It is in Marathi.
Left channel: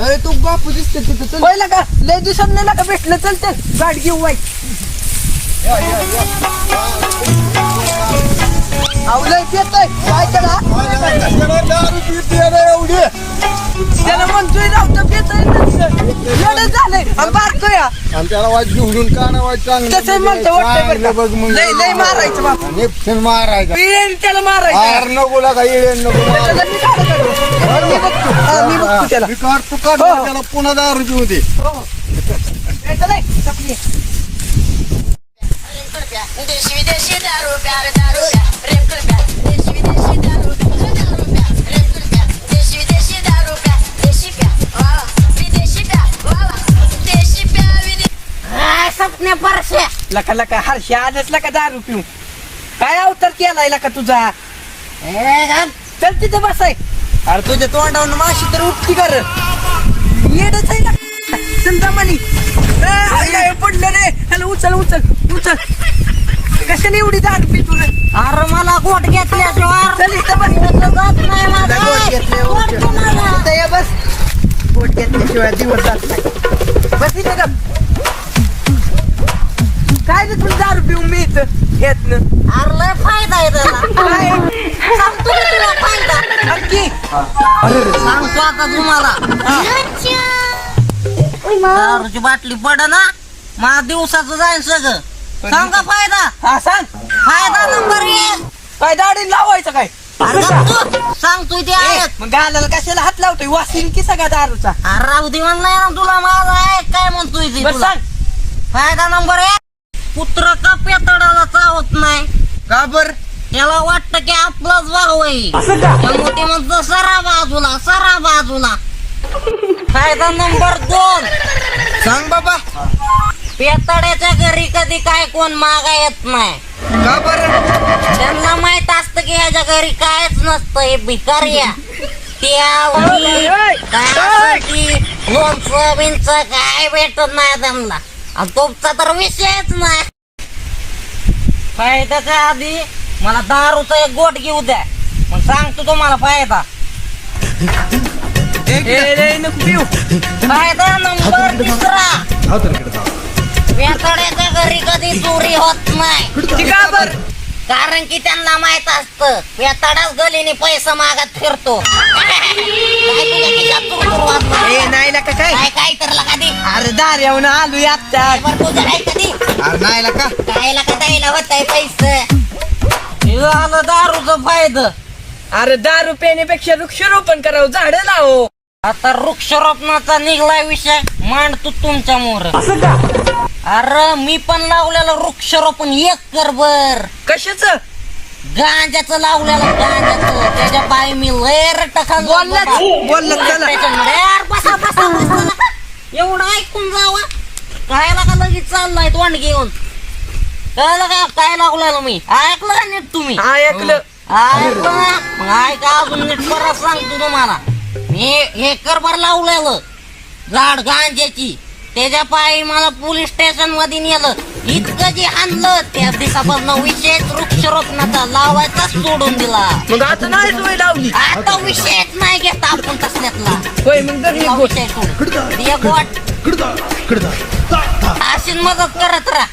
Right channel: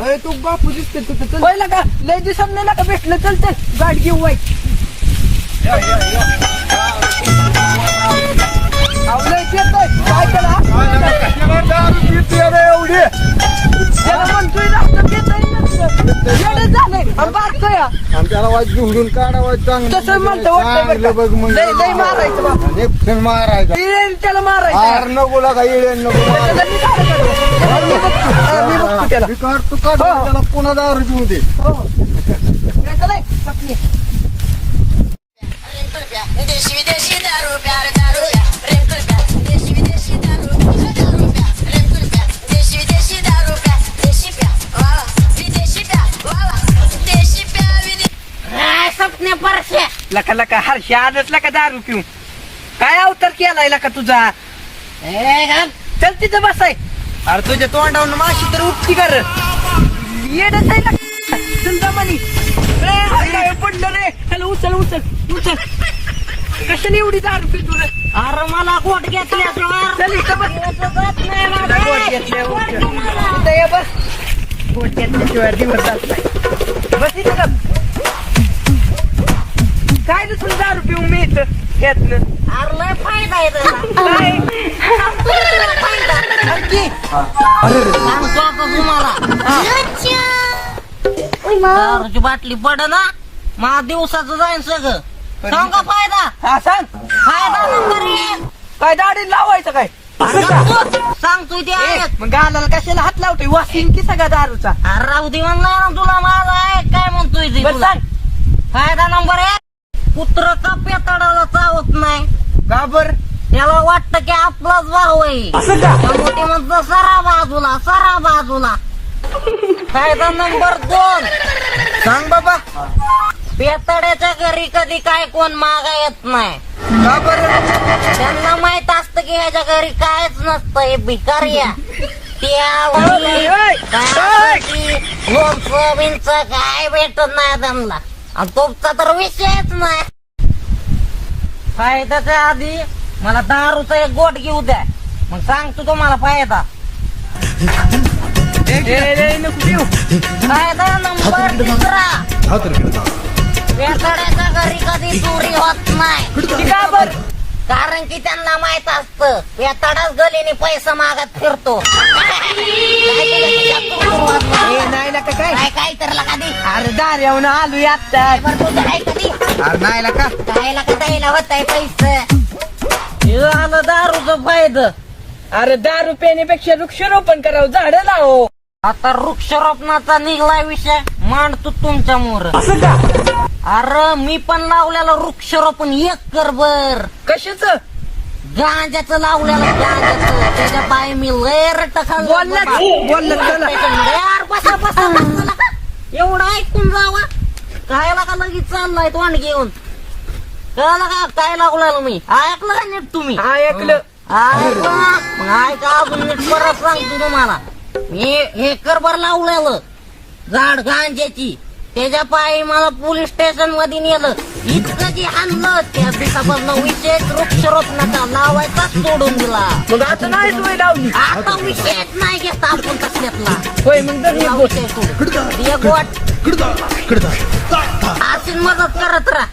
अरे तू बापू दिसते तिथं चल. पहिला का? लय दिवसांनी नाही का भेटलं? चल चल. गाडी घेऊ वाईट आवलंय पेतोय. काय करा एवढी. आणि बारकं या आणि त्याला वाज घेऊन काढा वाज चांगलं तसं म्हणतं वाटतंय बरं का? बघ मग लय- लय मारायचं बाप. आणि फिर मारायचा येईल त्याला नको लागा येईल नको त्याला मी? हा, मी बघतो हा, मी बघतो त्याला मी काढतो काढ हो. त्याला पुन्हा दारू देऊ दे नाही तर नाही, चपली. रेंकुल प्यार देशी विदेशी दारू प्यार लका लका हर्षी आजच लका दारू पिऊ काय अवतार केलाय लका तुझा? चल तिथं बसाय. अरे तुझ्या तोंडावरून माशी तर उपटी कर. येडच आहे ना चल मनी. पडलं रे. हॅलो उचल उचल उचल. कशाने एवढी दारू पितो रे? अरे मला गोट घेतल्याशिवाय चल इथं बस. जात नाही माझं. गोट घेतल्यावर गोट घे मला. इथं ये बस. गोट घेतल्याशिवाय दिवस जात नाही. बस इथं गप. काय रे तुला दारू पिऊन मी इथं घेतलं? अरे लय फायदा आहे त्याला सांगतो मी तुला फायदा. आणखी सांगतो आता तुम्हाला. दारूची बाटली पड ना. मला दिवसाचं जाईन सगळं. सांगा फायदा? हा सांग. फायदा नंबर एक. काय दाढी लावायचं काय? सांगतोय ते ए, ऐक. मग गालाला कशाला हात लावतोय? वासीन की सगळा दारूचा? अरे राहू दे म्हणलाय ना तुला माझा ऐक. काय म्हणतोय ते बस तुला. सांग. फायदा नंबर एक. पुत्र का पेताडाला चावत नाही. का बर? त्याला वाटतं की आपलाच भाऊ आहे. त्यामुळे ते म्हणतं सरा बाजूला सरा बाजूला. फायदा नंबर दोन. सांग बाबा. पेताड्याच्या घरी कधी काय कोण मागा येत नाही. का बर? त्यांना माहीत असतं की ह्याच्या घरी कायच नसतं हे भिकार्या त्या सोयाबीनचं काय भेटत नाही त्यांना. आणि तुमचा तर विषयच नाही. फायद्याच्या आधी मला दारूचा एक गोट घेऊ द्या. मग सांगतो तुम्हाला फायदा. फायदा नंबर दुसरा पेताड्याच्या घरी कधी चोरी होत नाही. कारण की त्यांना माहीत असतं पेताडाच गलीने पैसा मागत फिरतो. कधी अरे दार येऊन आलो आता बरं तुझं काय कधी. अरे नाही का? कायला का द्यायला होत आहे पैसे? हे आलं दारूचं फायद. अरे दारू पिण्यापेक्षा वृक्षारोपण करावं झाड लावो. आता वृक्षारोपणाचा निघलाय विषय. मांडतो तुमच्या मोर. अरे मी पण लावलेलं वृक्षारोपण एक कर बर. कशाच? गांजाचं लावलेलं गांजाचं त्याच्या पाय मी लय बसा बसा बसा नका. एवढं ऐकून जावा. कायला का लगेच चाललाय तोंड घेऊन कळलं का काय लागलेलं मी? ऐकलं का नीट तुम्ही? ऐकलं. ऐका अजून नीट परत सांगतो तुम्हाला. मी हे करभर लावलेलं. झाड गांजाची. त्याच्या पायी मला पोलीस स्टेशनमध्ये नेलं. इतकं जे हाणलं त्या दिवसापासून विशेष वृक्षरोपणाचा लावायचा सोडून दिला. मग आता नाही सोय लावली. आता विषयच नाही घेत आपण तसल्यातला होय मग दर एक गोष्ट. विषय सोड. एक वाट अशी मदत करत राहा.